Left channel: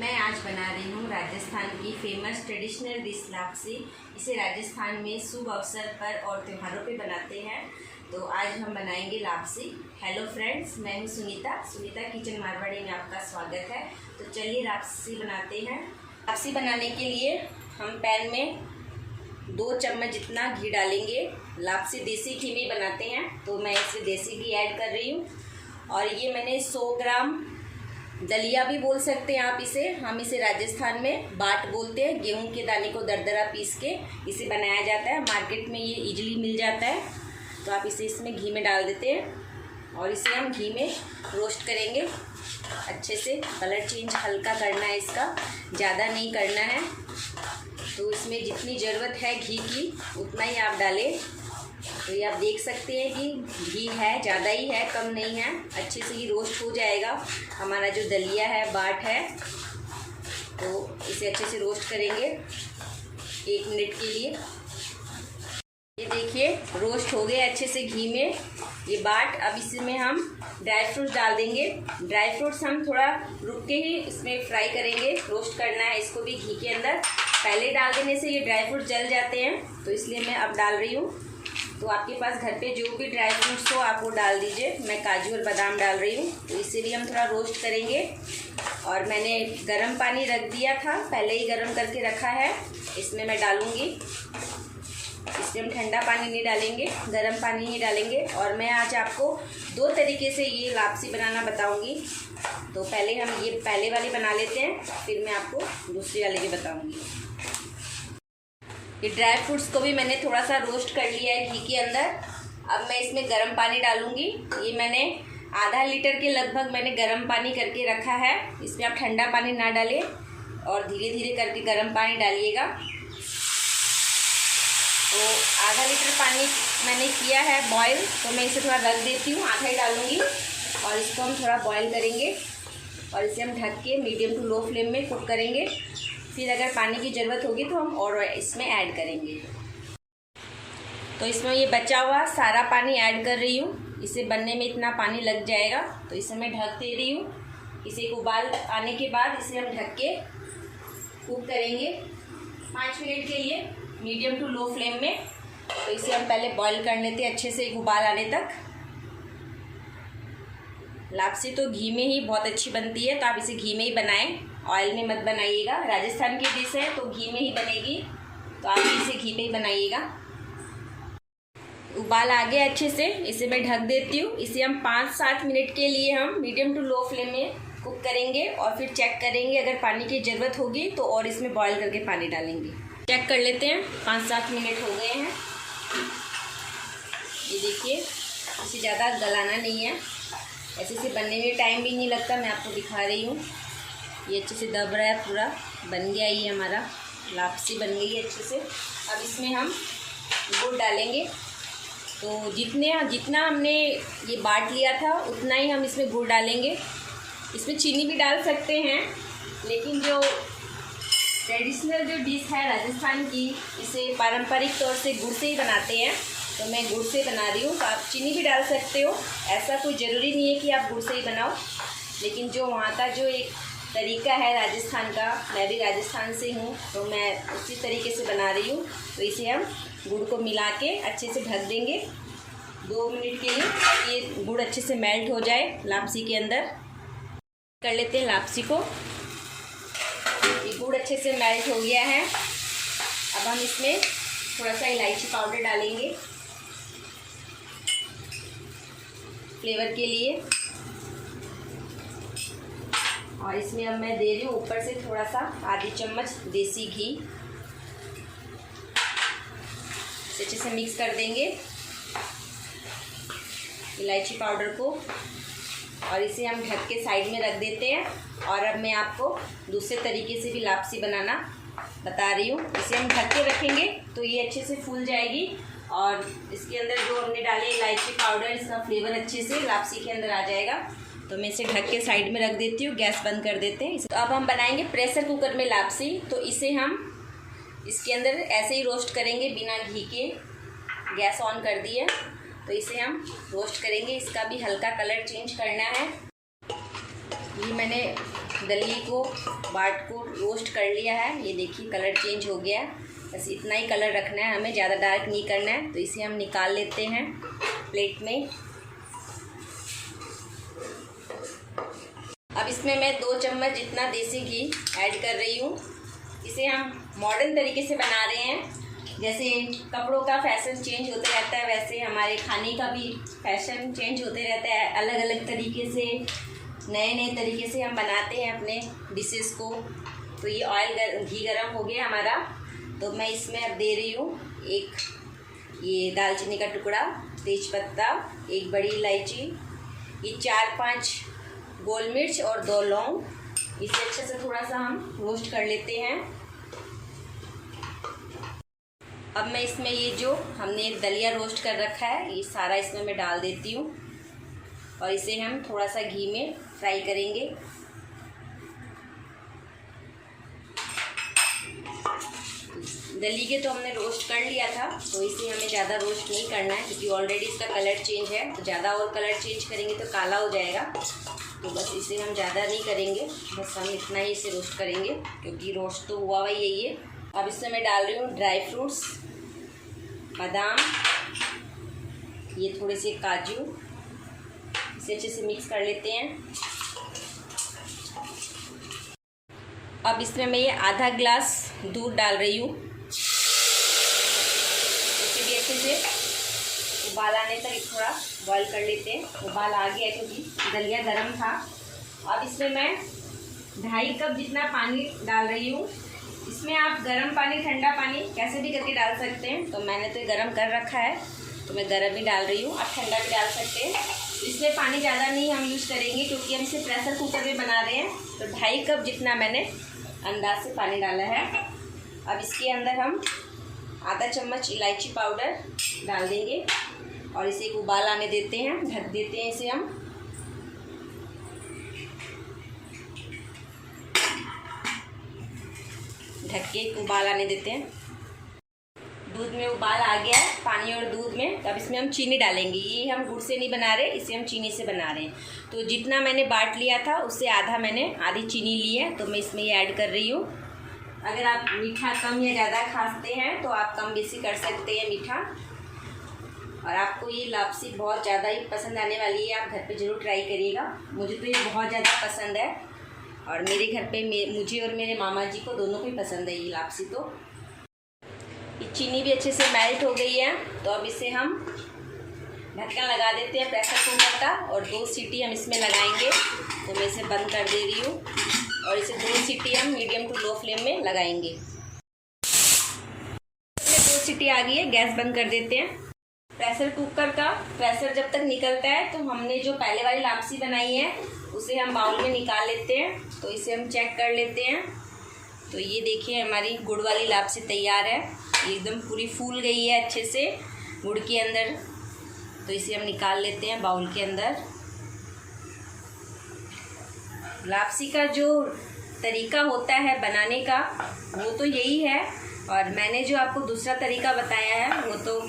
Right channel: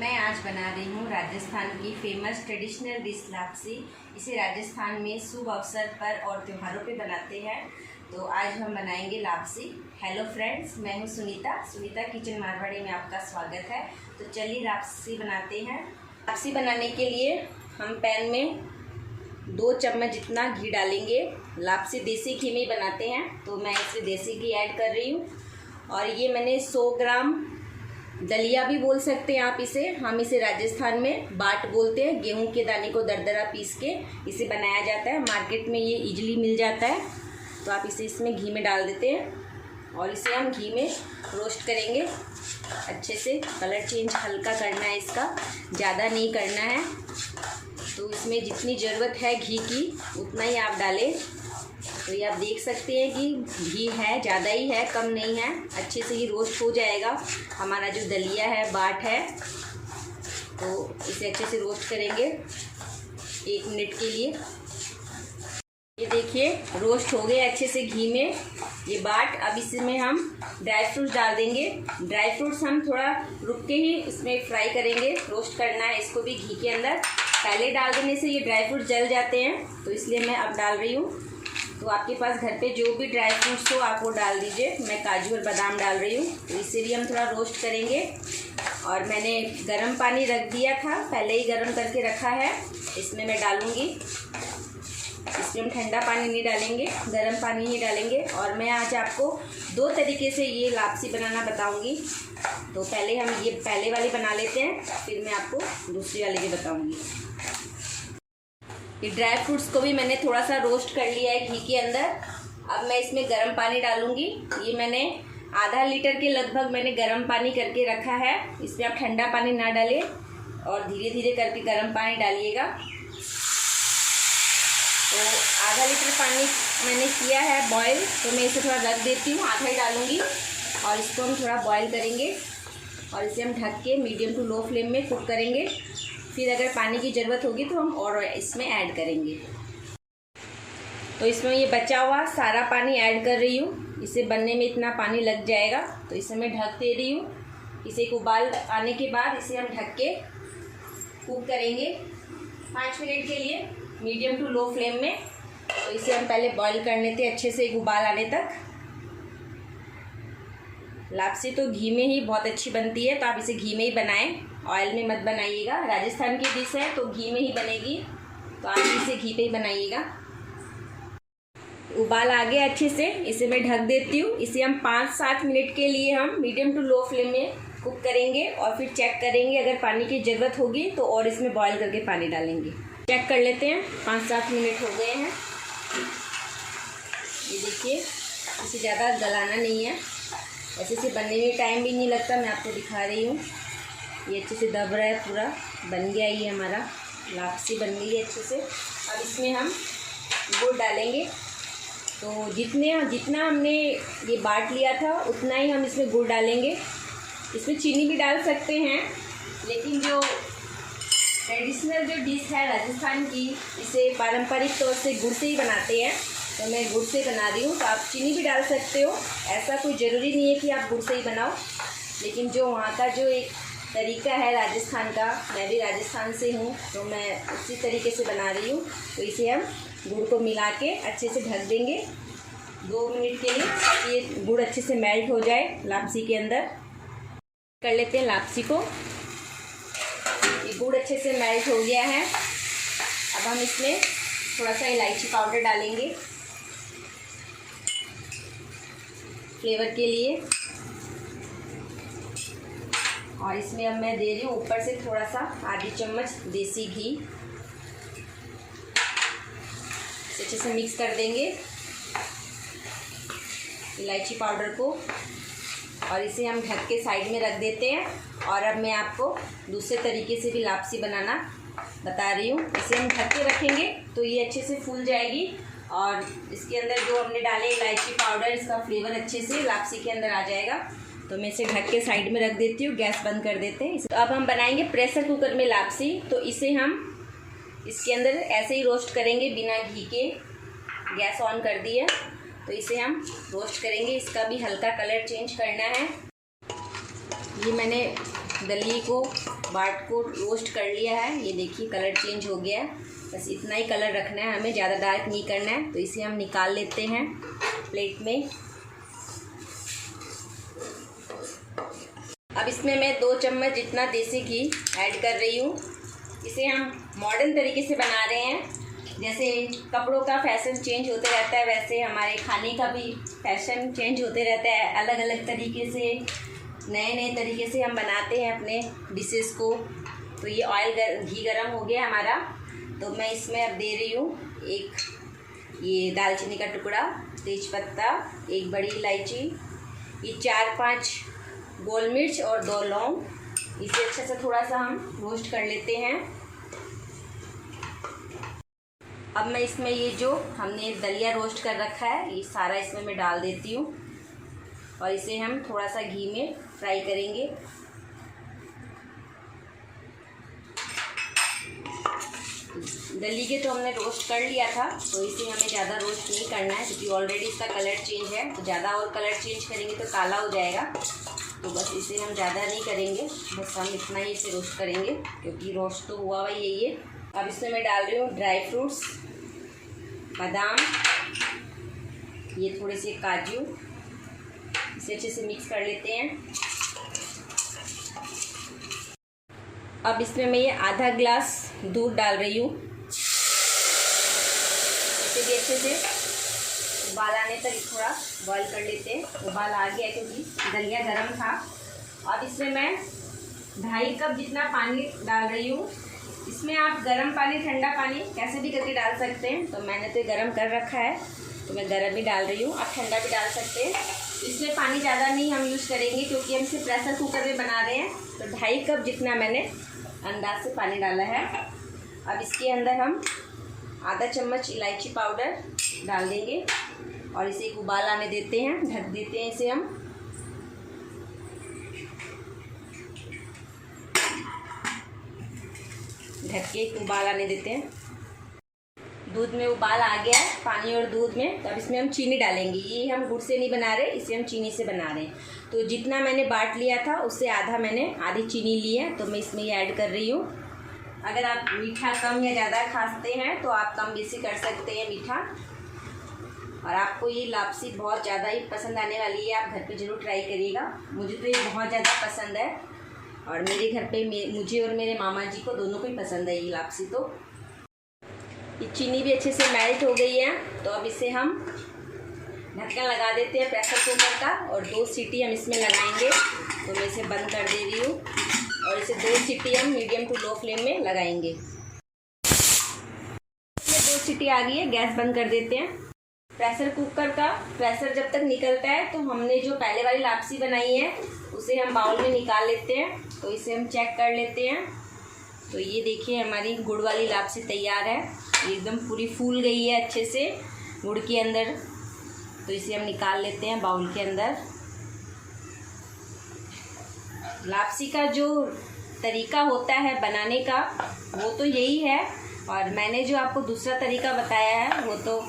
मैं आज बना रही हूँ राजस्थान की फेमस ट्रेडिशनल डिश लापसी। इसे राजस्थान में शुभ अवसर पर और त्योहारों पे बनाते हैं। तो आज हम बनाएंगे लापसी। हेलो फ्रेंड्स, मैं हूँ सुनीता किचन मारवाड़ी में आपका स्वागत है। तो चलिए लापसी बनाते हैं। लापसी बनाने के लिए हम पैन में 2 चम्मच जितना घी डालेंगे। लापसी देसी घी में बनाते हैं तो मैं इसमें देसी घी ऐड कर रही हूँ। और ये मैंने 100 ग्राम दलिया भी बोल सकते हैं आप इसे, हम इसे राजस्थान में बाट बोलते हैं। गेहूं के दाने को दरदरा पीस के इसे बनाया जाता है। मार्केट में ये इजीली मिल जाता है। तो आप इसे इसमें घी में डाल देते हैं और इसे हम घी में रोस्ट करेंगे अच्छे से। कलर चेंज हल्का करना है इसका, ज़्यादा नहीं करना है। तो इसमें जितनी ज़रूरत है घी की उतना ही आप डालें। तो ये आप देख सकते हैं कि घी है, ज़्यादा ही है, कम नहीं है। अच्छे से ये रोस्ट हो जाएगा। हमारा जो दलिया है, बाट है, तो इसे अच्छे से रोस्ट करेंगे 1 मिनट के लिए। ये देखिए रोस्ट हो गए अच्छे से घी में ये बाट। अब इसमें हम ड्राई फ्रूट्स डाल देंगे। ड्राई फ्रूट्स हम थोड़ा रुक के ही इसमें फ्राई करेंगे, रोस्ट करना है इसको भी घी के अंदर। पहले डाल देने से ये ड्राई फ्रूट जल जाते हैं, तो इसलिए मैं अब डाल रही हूँ। तो आपके पास घर पे जो भी ड्राई फ्रूट्स हो आप वो डाल दीजिए। मैं काजू और बादाम डाल रही हूँ। तो इसे भी हम थोड़ा रोस्ट करेंगे। और मैंने गर्म पानी रख दिया था, पहले ही गर्म करके रखा है, इसमें मैं डालूँगी। इसमें हम ठंडा पानी नहीं डालेंगे, गर्म पानी ही डालेंगे। और मैं आज आपको 2 तरीके से ये लापसी बनाना बताऊँगी। तो पहले हम ये पहले वाली बना लेते हैं, फिर मैं आपको दूसरी वाली भी बताऊँगी। ये ड्राई फ्रूट्स को भी मैंने थोड़ा सा रोस्ट कर लिया है घी के अंदर। अब मैं इसमें गर्म पानी डालूंगी। ये मैंने आधा लीटर के लगभग मैंने गर्म पानी करके रखा है। इसमें आप ठंडा पानी ना डालें और धीरे धीरे करके गर्म पानी डालिएगा। तो आधा लीटर पानी मैंने किया है बॉयल, तो मैं इसे थोड़ा रख देती हूँ, आधा ही डालूँगी। और इसको हम थोड़ा बॉयल करेंगे और इसे हम ढक के मीडियम टू लो फ्लेम में कुक करेंगे। फिर अगर पानी की ज़रूरत होगी तो हम और इसमें ऐड करेंगे। तो इसमें ये बचा हुआ सारा पानी ऐड कर रही हूँ। इसे बनने में इतना पानी लग जाएगा, तो इसे मैं ढक दे रही हूँ। इसे एक उबाल आने के बाद इसे हम ढक के कुक करेंगे 5 मिनट के लिए मीडियम टू लो फ्लेम में। तो इसे हम पहले बॉईल कर लेते हैं अच्छे से, एक उबाल आने तक। लापसी तो घी में ही बहुत अच्छी बनती है, तो आप इसे घी में ही बनाएं, ऑयल में मत बनाइएगा। राजस्थान की डिश है तो घी में ही बनेगी, तो आप इसे घी पे ही बनाइएगा। उबाल आ गया अच्छे से, इसे मैं ढक देती हूँ। इसे हम 5-7 मिनट के लिए हम मीडियम टू लो फ्लेम में कुक करेंगे और फिर चेक करेंगे। अगर पानी की ज़रूरत होगी तो और इसमें बॉईल करके पानी डालेंगे। चेक कर लेते हैं, 5-7 मिनट हो गए हैं। ये देखिए, इसे ज़्यादा गलाना नहीं है, ऐसे से बनने में टाइम भी नहीं लगता। मैं आपको दिखा रही हूँ, ये अच्छे से दब रहा है, पूरा बन गया। ये हमारा लापसी बन गई है अच्छे से। अब इसमें हम गुड़ डालेंगे। तो जितना हमने ये बाट लिया था उतना ही हम इसमें गुड़ डालेंगे। इसमें चीनी भी डाल सकते हैं, लेकिन जो ट्रेडिशनल जो डिश है राजस्थान की, इसे पारंपरिक तौर से गुड़ से ही बनाते हैं, तो मैं गुड़ से बना रही हूँ। तो आप चीनी भी डाल सकते हो, ऐसा कोई ज़रूरी नहीं है कि आप गुड़ से ही बनाओ। लेकिन जो वहाँ का जो एक तरीका है राजस्थान का, मैं भी राजस्थान से हूँ, तो मैं उसी तरीके से बना रही हूँ। तो इसे हम गुड़ को मिला के अच्छे से ढक देंगे 2 मिनट के लिए, ताकि ये गुड़ अच्छे से मेल्ट हो जाए लापसी के अंदर। कर लेते हैं लापसी को। ये गुड़ अच्छे से मेल्ट हो गया है। अब हम इसमें थोड़ा सा इलायची पाउडर डालेंगे फ्लेवर के लिए। और इसमें अब मैं दे रही हूँ ऊपर से थोड़ा सा आधी चम्मच देसी घी। अच्छे से मिक्स कर देंगे इलायची पाउडर को, और इसे हम ढक के साइड में रख देते हैं। और अब मैं आपको दूसरे तरीके से भी लापसी बनाना बता रही हूँ। इसे हम ढक के रखेंगे तो ये अच्छे से फूल जाएगी, और इसके अंदर जो हमने डाले इलायची पाउडर, इसका फ्लेवर अच्छे से लापसी के अंदर आ जाएगा। तो मैं इसे ढक के साइड में रख देती हूँ। गैस बंद कर देते हैं। तो अब हम बनाएंगे प्रेशर कुकर में लापसी। तो इसे हम इसके अंदर ऐसे ही रोस्ट करेंगे बिना घी के। गैस ऑन कर दिया, तो इसे हम रोस्ट करेंगे। इसका भी हल्का कलर चेंज करना है। ये मैंने दलिए को बाट को रोस्ट कर लिया है। ये देखिए कलर चेंज हो गया है। बस इतना ही कलर रखना है हमें, ज़्यादा डार्क नहीं करना है। तो इसे हम निकाल लेते हैं प्लेट में। अब इसमें मैं 2 चम्मच जितना देसी घी ऐड कर रही हूँ। इसे हम मॉडर्न तरीके से बना रहे हैं। जैसे कपड़ों का फैशन चेंज होते रहता है, वैसे हमारे खाने का भी फैशन चेंज होते रहता है। अलग अलग तरीके से, नए नए तरीके से हम बनाते हैं अपने डिशेस को। तो ये घी गरम हो गया हमारा। तो मैं इसमें अब दे रही हूँ एक ये दालचीनी का टुकड़ा, तेज़पत्ता, एक बड़ी इलायची, ये 4-5 गोल मिर्च और 2 लौंग। इसे अच्छे से थोड़ा सा हम रोस्ट कर लेते हैं। अब मैं इसमें ये जो हमने दलिया रोस्ट कर रखा है, ये सारा इसमें मैं डाल देती हूँ और इसे हम थोड़ा सा घी में फ्राई करेंगे। दलिए तो हमने रोस्ट कर लिया था, तो इसे हमें ज़्यादा रोस्ट नहीं करना है क्योंकि ऑलरेडी इसका कलर चेंज है। तो ज़्यादा और कलर चेंज करेंगे तो काला हो जाएगा। तो बस इसे हम ज़्यादा नहीं करेंगे, बस हम इतना ही इसे रोस्ट करेंगे क्योंकि रोस्ट तो हुआ हुआ ही है। अब इसमें मैं डाल रही हूँ ड्राई फ्रूट्स, बादाम, ये थोड़े से काजू। इसे अच्छे से मिक्स कर लेते हैं। अब इसमें मैं ये आधा ग्लास दूध डाल रही हूँ। इसे भी अच्छे से उबाल आने तक थोड़ा बॉईल कर लेते हैं। उबाल आ गया क्योंकि दलिया गर्म था। अब इसमें मैं 2.5 कप जितना पानी डाल रही हूँ। इसमें आप गर्म पानी, ठंडा पानी कैसे भी करके डाल सकते हैं। तो मैंने तो गर्म कर रखा है, तो मैं गर्म ही डाल रही हूँ। आप ठंडा भी डाल सकते हैं। इसमें पानी ज़्यादा नहीं हम यूज़ करेंगे क्योंकि हम इसे प्रेशर कुकर में बना रहे हैं। तो 2.5 कप जितना मैंने अंदाज से पानी डाला है। अब इसके अंदर हम आधा चम्मच इलायची पाउडर डाल देंगे और इसे एक उबाल आने देते हैं। ढक देते हैं इसे हम। ढक के एक उबाल आने देते हैं। दूध में उबाल आ गया है, पानी और दूध में। तो अब इसमें हम चीनी डालेंगे। ये हम गुड़ से नहीं बना रहे, इसे हम चीनी से बना रहे हैं। तो जितना मैंने बाट लिया था उससे आधी चीनी ली है, तो मैं इसमें ये ऐड कर रही हूँ। अगर आप मीठा कम या ज़्यादा खाते हैं तो आप कम बेसी कर सकते हैं मीठा। और आपको ये लापसी बहुत ज़्यादा ही पसंद आने वाली है। आप घर पे ज़रूर ट्राई करिएगा। मुझे तो ये बहुत ज़्यादा पसंद है और मेरे घर पे मुझे और मेरे मामा जी को दोनों को ही पसंद है ये लापसी। तो ये चीनी भी अच्छे से मेल्ट हो गई है। तो अब इसे हम ढक्कन लगा देते हैं प्रेशर कुकर का और 2 सीटी हम इसमें लगाएंगे। तो मैं इसे बंद कर दे रही हूँ और इसे 2 सीटी हम मीडियम टू लो फ्लेम में लगाएंगे। इसमें 2 सीटी आ गई है, गैस बंद कर देते हैं। प्रेशर कुकर का प्रेशर जब तक निकलता है तो हमने जो पहले वाली लापसी बनाई है उसे हम बाउल में निकाल लेते हैं। तो इसे हम चेक कर लेते हैं। तो ये देखिए हमारी गुड़ वाली लापसी तैयार है। ये एकदम पूरी फूल गई है अच्छे से गुड़ के अंदर। तो इसे हम निकाल लेते हैं बाउल के अंदर। लापसी का जो तरीका होता है बनाने का वो तो यही है, और मैंने जो आपको दूसरा तरीका बताया है वो तो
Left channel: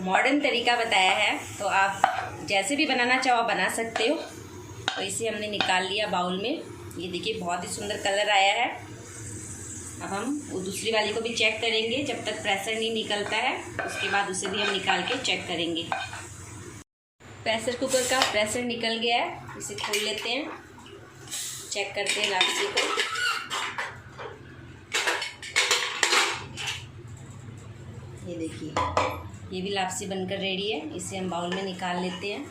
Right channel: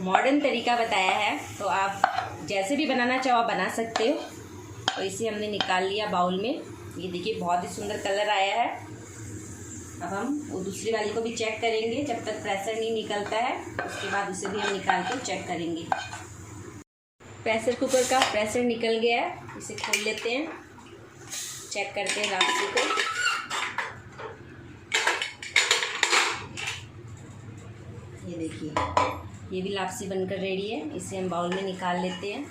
मॉडर्न तरीका बताया है। तो आप जैसे भी बनाना चाहो बना सकते हो। तो इसे हमने निकाल लिया बाउल में। ये देखिए बहुत ही सुंदर कलर आया है। अब हम वो दूसरी वाली को भी चेक करेंगे। जब तक प्रेशर नहीं निकलता है उसके बाद उसे भी हम निकाल के चेक करेंगे। प्रेशर कुकर का प्रेशर निकल गया है, इसे खोल लेते हैं, चेक करते हैं लापसी को। ये देखिए ये भी लापसी बनकर रेडी है। इसे हम बाउल में निकाल लेते हैं।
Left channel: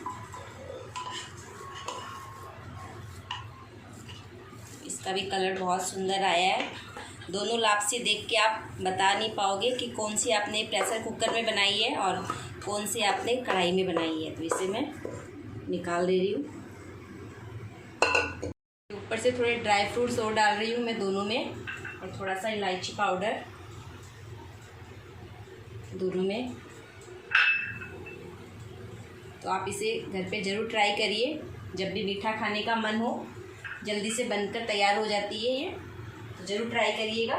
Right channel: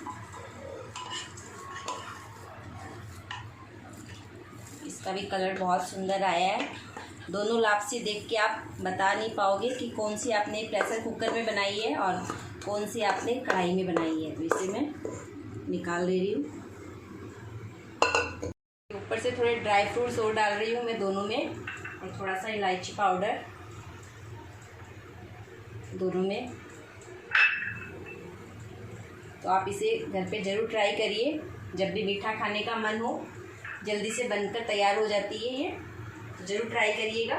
इसका भी कलर बहुत सुंदर आया है। दोनों लापसी देख के आप बता नहीं पाओगे कि कौन सी आपने प्रेशर कुकर में बनाई है और कौन सी आपने कढ़ाई में बनाई है। तो इसे मैं निकाल दे रही हूँ। ऊपर से थोड़े ड्राई फ्रूट्स और डाल रही हूँ मैं दोनों में, और थोड़ा सा इलायची पाउडर दोनों में। तो आप इसे घर पे ज़रूर ट्राई करिए। जब भी मीठा खाने का मन हो, जल्दी से बनकर तैयार हो जाती है ये, तो ज़रूर ट्राई करिएगा।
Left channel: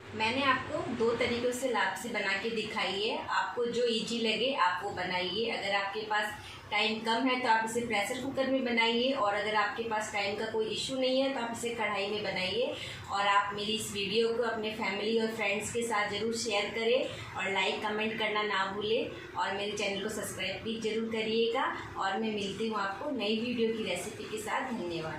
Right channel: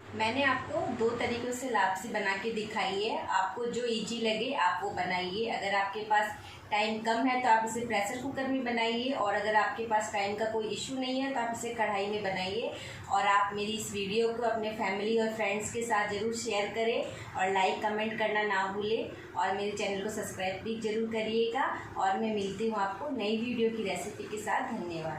मैंने आपको 2 तरीक़ों से लापसी बना के दिखाई है। आपको जो इजी लगे आप वो बनाइए। अगर आपके पास टाइम कम है तो आप इसे प्रेशर कुकर में बनाइए, और अगर आपके पास टाइम का कोई इशू नहीं है तो आप इसे कढ़ाई में बनाइए। और आप मेरी इस वीडियो को अपने फैमिली और फ्रेंड्स के साथ ज़रूर शेयर करें और लाइक कमेंट करना ना भूलें, और मेरे चैनल को सब्सक्राइब भी ज़रूर करिएगा। और मैं मिलती हूँ आपको नई वीडियो की रेसिपी के साथ। धन्यवाद।